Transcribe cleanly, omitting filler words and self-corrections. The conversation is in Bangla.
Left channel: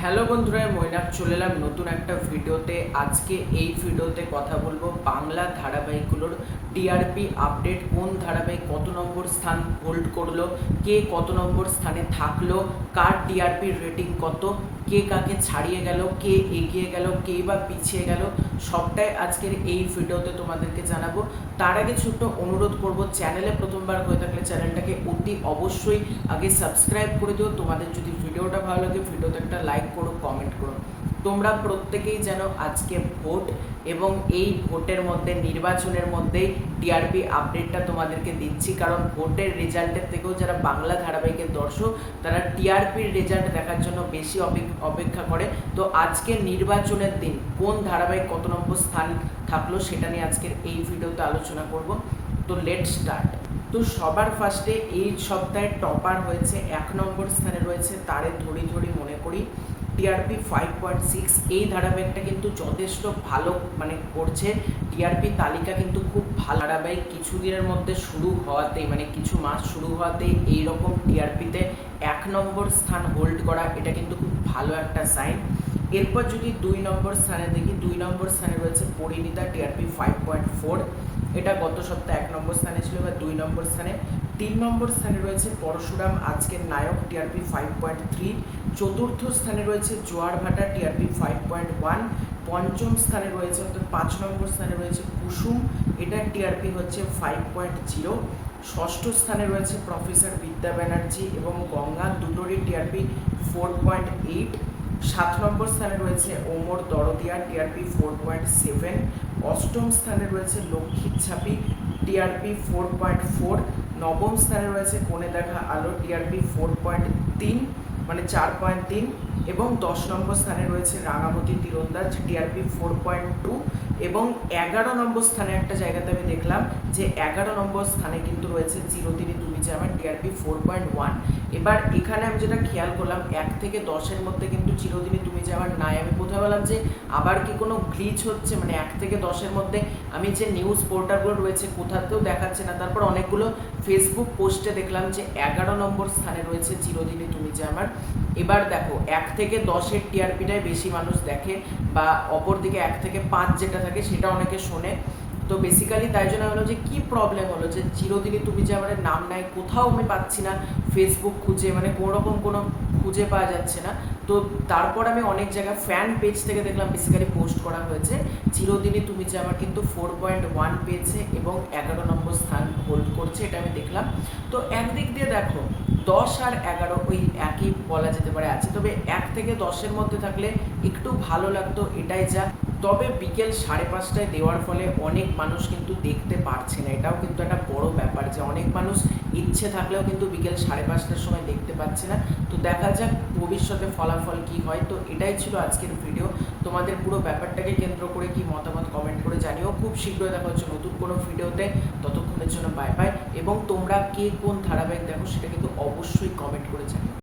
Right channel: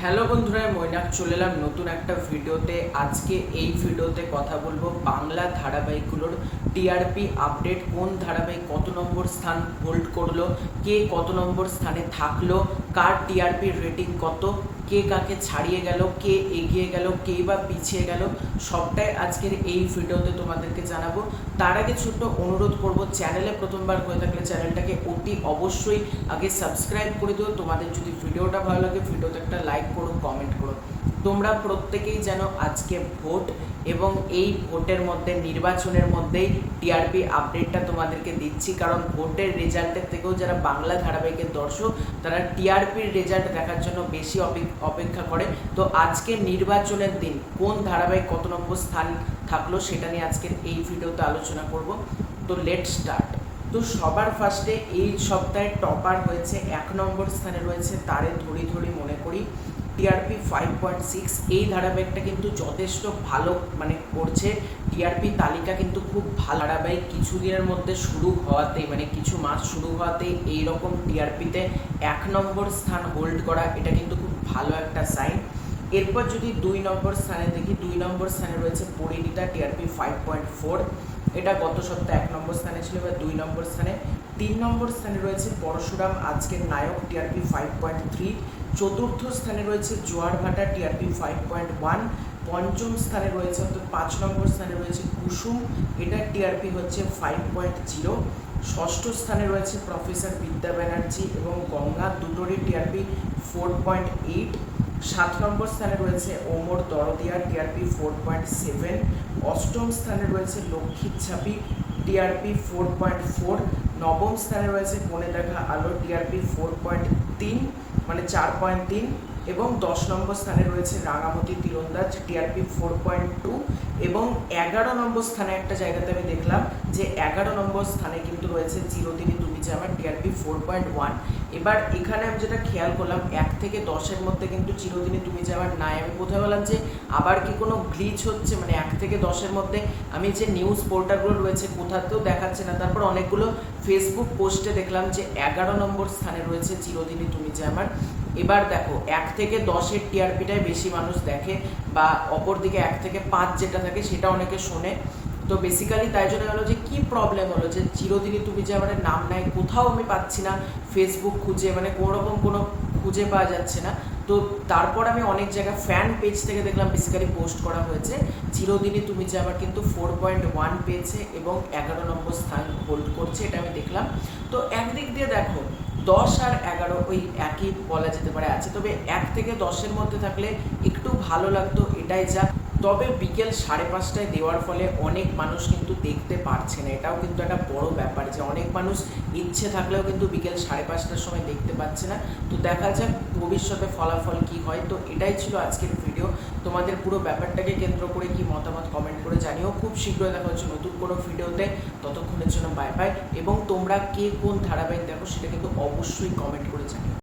হ্যালো বন্ধুরা, মৈনাক চলে এলাম নতুন একটা ভিডিওতে। আজকে এই ভিডিওতে কথা বলবো বাংলা ধারাবাহিকগুলোর টিআরপি আপডেট, কোন ধারাবাহিক কত নম্বর স্থান হোল্ড করলো, কে কত নম্বর স্থানে থাকলো, কার টিআরপির রেটিং কত, কে কাকে ছাড়িয়ে গেল, কে এগিয়ে গেল, কে বা পিছিয়ে গেল, সবটাই আজকের এই ভিডিওতে তোমাদেরকে জানাবো। তার আগে ছোট্ট অনুরোধ করব, চ্যানেলে প্রথমবার হয়ে থাকলে চ্যানেলটাকে অতি অবশ্যই আগে সাবস্ক্রাইব করে দিও। তোমাদের যদি ভিডিওটা ভালো লাগে ভিডিওতে একটা লাইক করো, কমেন্ট করো। তোমরা প্রত্যেকেই জানো আজকে ভোট, এবং এই ভোটের মধ্যে নির্বাচনের মধ্যেই টিআরপি আপডেটটা তোমাদেরকে দিচ্ছি, কারণ ভোটের রেজাল্টের থেকেও যারা বাংলা ধারাবাহিকের দর্শক তারা টিআরপির রেজাল্ট দেখার জন্য বেশি অপেক্ষা করে। তো আজকে নির্বাচনের দিন কোন ধারাবাহিক কত নম্বর স্থান থাকলো সেটা নিয়ে আজকের এই ভিডিওতে আলোচনা করব। তো লেট স্টার্ট। তো সবার ফার্স্টে এই সপ্তাহে টপার হয়েছে, 1 নম্বর স্থানে রয়েছে তারে ধরি ধরি মনে করি, টিআরপি 5.6। এই ধারাবাহিকটা কিন্তু যথেষ্ট ভালো করছে। টিআরপি তালিকা কিন্তু খুব ভালো ধারাবাহিক, কিছুদিনের মধ্যে শুরু হওয়াতেই কিছু মাস শুরু হওয়াতেই এইরকম টিআরপিতে 1 নম্বর স্থান হোল্ড করা, এটা কিন্তু খুব ভালো একটা সাইন। এরপর যদি 2 নম্বর স্থানে দেখি, 2 নম্বর স্থানে রয়েছে পরিণীতা, টিআরপি 5.4। এটা গত সপ্তাহে 1 নম্বর স্থানে ছিল, এবার 2 নম্বর স্থানে। 3 নম্বর স্থানে রয়েছে পরশুরাম, আজকের নায়ক, টিআরপি 5.3। চতুর্থ স্থানে রয়েছে জোয়ার ভাটা, টিআরপি 5.1। পঞ্চম স্থানে রয়েছে, অর্থাৎ 5 নম্বর স্থানে রয়েছে কুসুম, এটার টিআরপি হচ্ছে 5.0। ষষ্ঠ স্থানে রয়েছে প্রফেসর বিদ্যা ব্যানার্জি এবং গঙ্গা, দুটোরই টিআরপি 4.8। 7 নম্বর স্থানে রয়েছে ওমর দরদিয়া, টিআরপি 4.7। অষ্টম স্থানে রয়েছে লক্ষ্মীর ছাপি, টিআরপি 4.4। নবম স্থানে রয়েছে কোণে দেখা আলো, টিআরপি 4.3 4.3। এবং 10 নম্বর স্থানে রয়েছে রাঙামতি তীরন্দাজ, টিআরপি 4.2। এবং 11 নম্বর স্থানে একটা জায়গাতে আমি দেখলাম যে 11 নম্বর স্থানে কিন্তু রয়েছে চিরদিনই তুমি যে আমার, টিআরপি 4.1। এবার এখানে আমি যেটা খেয়াল করলাম, 1 থেকে 10-এর মধ্যে কিন্তু চিরদিনই তুমি যে আমার নাই। আমি কোথায় বললাম যে আবার কি কোনো গ্লিচ হচ্ছে, 1 থেকে 10-এর মধ্যে আমি যে নিউজ পোর্টালগুলো রয়েছে কোথাতেও দেখাচ্ছে না। তারপর অনেকগুলো ফেসবুক পোস্টে দেখলাম যে 11 নম্বর স্থানে রয়েছে চিরদিনই তুমি যে আমার। এবার দেখো 1 থেকে 10-এর টিআরপিটাই বেশি মানুষ দেখে, বা অপরদিকে 1 থেকে 5 যেটা থাকে সেটা অনেকে শোনে। তো বেসিক্যালি তাই জন্য হলো যে কি প্রবলেম হলো যে চিরদিনই তুমি যে আমার নাম নাই, কোথাও আমি পাচ্ছি না, ফেসবুক খুঁজে কোনো রকম কোনো খুঁজে পাওয়া যাচ্ছে না। তো তারপর আমি অনেক জায়গায় ফ্যান পেজ থেকে দেখলাম বেসিক্যালি পোস্ট করা হয়েছে চিরদিনই তুমি যে আমার কিন্তু 4.1 পেয়েছে এবং 11 নম্বর স্থান হোল্ড করছে, এটা আমি দেখলাম। তো একদিক দিয়ে দেখো 10 আর 11 ওই একই বলা যেতে পারে আছে, তবে 1 থেকে 10-এর মধ্যে থাকলে একটু ভালো লাগতো, এটাই যা। তবে বিকেল 5:30টায় দেওয়ার ফলে অনেক মানুষ কিন্তু দেখতে পারছে না, এটাও কিন্তু একটা বড় ব্যাপার যে অনেক মানুষ ইচ্ছে থাকলেও কিন্তু বিকেল 5:30টার সময় দেখতে পাচ্ছে না। তো দেখা যাক ভবিষ্যতে ফলাফল কি হয়। তো এটাই ছিল আজকের ভিডিও। তোমাদের পুরো ব্যাপারটাকে কেন্দ্র করে কি মতামত কমেন্ট করে জানিও। খুব শীঘ্রই দেখা হচ্ছে নতুন কোনো ভিডিওতে, ততক্ষণের জন্য বাই বাই। এবং তোমরা কে কোন ধারাবাহিক দেখো সেটা কিন্তু অবশ্যই কমেন্ট করে জানিও।